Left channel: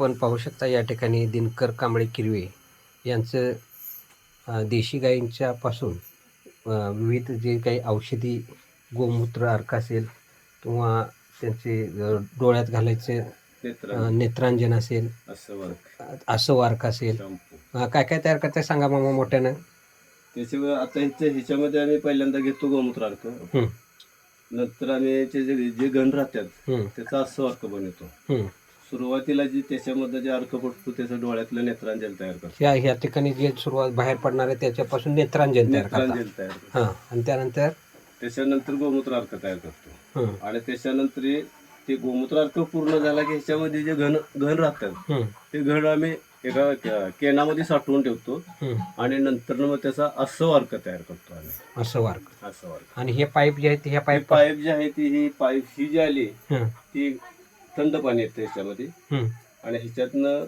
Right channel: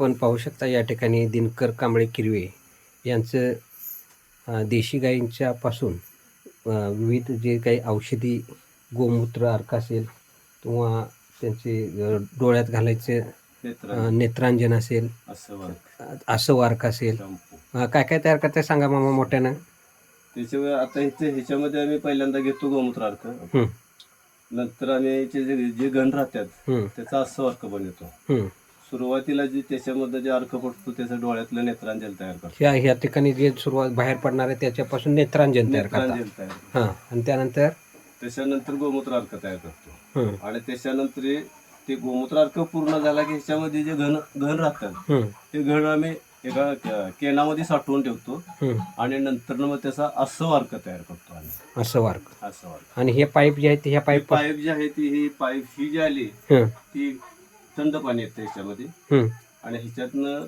आपण पाहू शकता या ठिकाणी दिनकर कांबळे किरवे यांचं देशी गायींच्या पासून अ, विविध जे काही औषधी गोमूत्र अर्क असेल किंवा त्यांचे डोळ्यात घालायचे नेत्रांजन असेल असं वर्क अ, असं वार्क असेल. काय काय तयार करताय सांगा मामा मोठ्यानं. त्याच्यामुळे आता इथे ह्याच्यामध्ये आम्ही पहिल्यांदा घेतो गोमूत्रार्क हं, नंतर आम्ही जे जे घन राहतात त्याचा असं अर्क बनवतो. सुरुवातीला जे त्याच्यामध्ये जे अर्क पडतो त्याचं डोळ्यातलं नेत्रांजल तयार करतो ह्या ह्या ठिकाणी जे सुरुवात बाहेर पडणार आहे त्याच्यापासून नेत्रांजन तयार करतात. नेत्रांजल तयार करतो हां आणि त्यानंतर? त्याच्यानंतर गोमूत्रार्क तयार करतो. हं, आणि त्याच्यानंतर हे- ते गोमूत्रार्क पूर्ण झाला की ह्याच्यामध्ये जे घन घन राहतात हं, ते घन आम्ही एका के- केनामध्ये साठवून ठेवतो. हं. आणि नंतर मग त्याचा अस्सव अर्क तयार करतो आम्ही. असं वार्क अस्सव अर्क. आणि हे पाईप जे आहेत ह्या पाईप पाईप पाईप जी आहे ती ही पाईप ही जी आली हं, ती थंड पाणी येतं ह्याच्यामध्ये आणि ह्याच्यातनं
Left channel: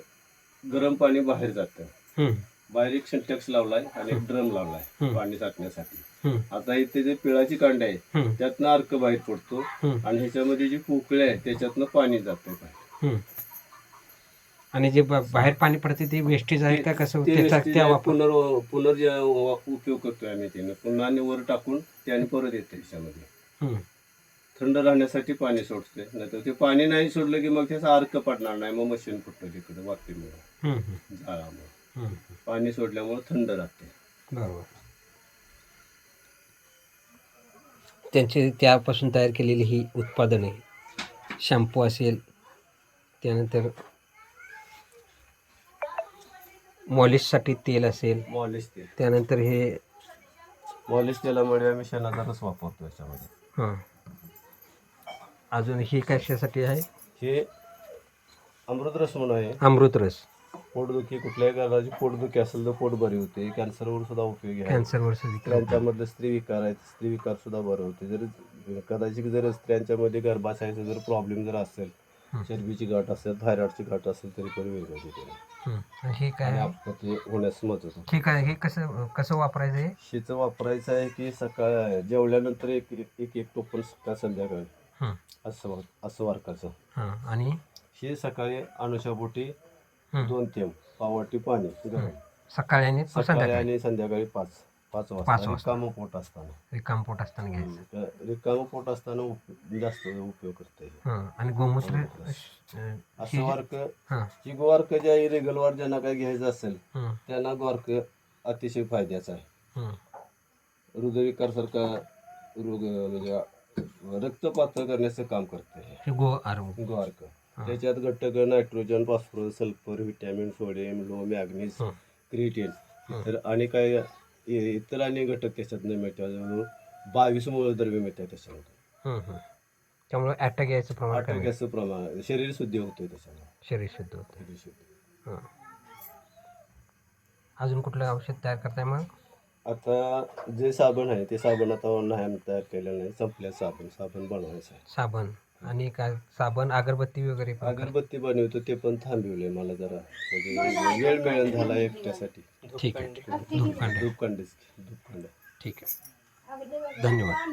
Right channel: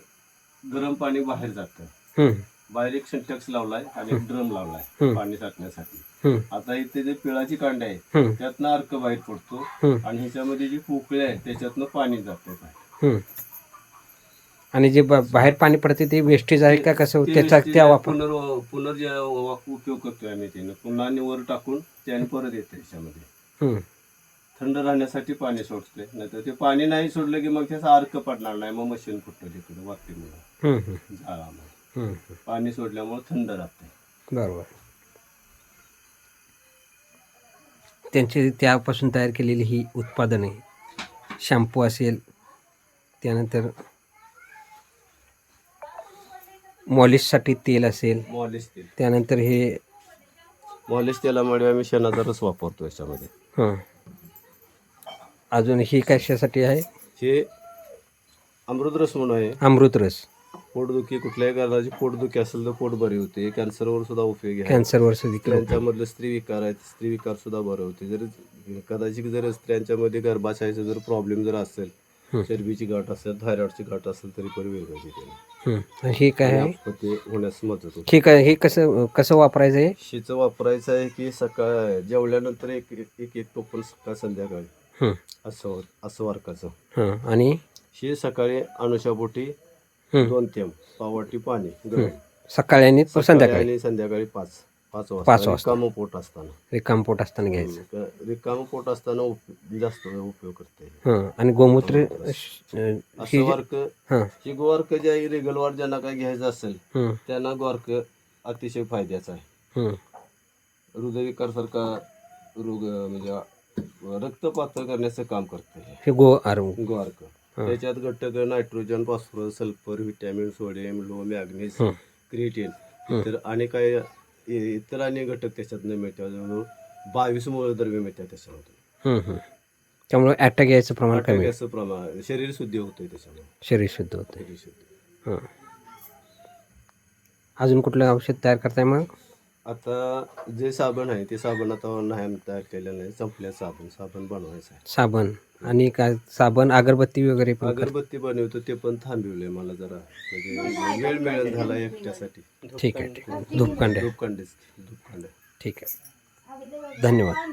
गरम पाणी बाहेर जातं. बाहेर एक सिंटॅक्स लावलाय आणि एक ड्रम लावलाय. पाणी साठण्यासाठी. आता इथे जे पिळाची कांड आहे त्यातनं अर्क बाहेर पडतो आणि ह्याच्यामध्ये जी पोकळी आहे त्याच्यातनं पाणी जाते बाहेर. आणि जे बाहेर पाणी पडते ते वेस्टेज आहे का? कसं? त्याचा पुनर् पुनर् उपयोग करतोय आम्ही त्यानं. पुन्हा वर टाकून त्याने परत येतं ह्याच्यामध्ये. थंड राहण्यासाठी पाणी सोडतोय. नाहीतर ते पाणी नाही सोडलं की मग त्याचा अर्क पडणार नाही. मग मशीन फुटतं तिकडे हं, झाडामुळे. पाणी सोडल्यामुळे थंड राहते बरोबर. त्यांचे त्यापासून तयार केलेली ही उत्पादने शॅम्पू असेल त्यानंतर मॉलिशसाठी तेल असेल मॉलिश तेल. त्यानंतर हे मॉलिश तेलामुळे आम्ही शेणाचा रस वापरतो याच्यामध्ये. हं. अजून ही कशासाठी आहे? हे अमृत रस म्हणून आहे. अमृतरस. पोटदुखी कुठल्याही कारणाची पोटदुखी असेल तर पोट बरी होते. कॅन्सरवर सुद्धा उपयोगी आहे. कॅन्सरवर सुद्धा स्त्रियांच्यामधले स्त्री विकार आहेत. स्त्री विकार सुद्धा बरे होते. जर कदाचित जर स्त्रियांच्यामध्ये गर्भाशयाचा जर प्रॉब्लेम जर असेल. चरबीची गाठ असेल थायरॉइडची गाठ असेल तरी पण वेगळं होते हं. काय आहे? ते होण्यास मदत होते. ठीक आहे हे कसं कसं वापरायचं आहे शिचं वापरायचं आहे की सकाळ जेवल्यानंतर एक एक एक टोपण सकाळ संध्याकाळ. असं असं वारकाचं. हं. आणि? शी सकाळी अनुषापोटी हं. दोन थेंब पावटी पाणी गरम. सकाळी आणि सकाळी संध्याकाळी? आणि संध्याकाळी पाच पाच पाच वाजता. वाजता. रिकामं पोट असताना. रिकाम पोट असताना घ्यायचं. हं, रिकामं पोट असताना उप- जास्त उपयोग करता येईल हं. आणि गोमूत्र अं, असं ही वर्क हं, ही गोवार्क जे आहे रेगलवार ज्यांना काही घ्यायचं असेल हं, त्यांना गोवार्क अतिशय फायद्याचा आहे. हं. हृदयविकारसारखा रोग म्हणजे रक्त पातळ करण्याचं काम करते हे गो आरू गोवार्क हं. त्याच्यात घटक nitrogen phosphorus sulphur vitamin sodium low मॅग्नेस हं. क्रिएटिन. इतर आणि काय इ- इतर अनेक घटक त्याच्यात मिळतात बावीस मूलद्रव्य मिळतात त्याच्यामध्ये. त्यामुळे अटॅक यायचं प्रमाण कमी आहे. अटॅकाचं प्रमाण शरीर शुद्धी होते त्याच्यामुळे शरीर शुद्ध होतं शरीर शुद्धी हं. अजून कुठलं औषध तयार करताय मग आता जे साबण आहे ते साबण आता नाही आम्ही तयार केलेलं नाही संपल्या साबण. साबण बनवायचं आहे साबण. आणि काय साबण अगरबत्ती वगैरे पण अगरबत्ती बनवतो ते पण थांबवलंय मला जरा. म्हणजे वेळ मिळेल झाला एकट्यासाठी. ठीक आहे. ठीक आहे धूपकांड्या धूपखंडीच धूपखंड ठीक आहे. धन्यवाद.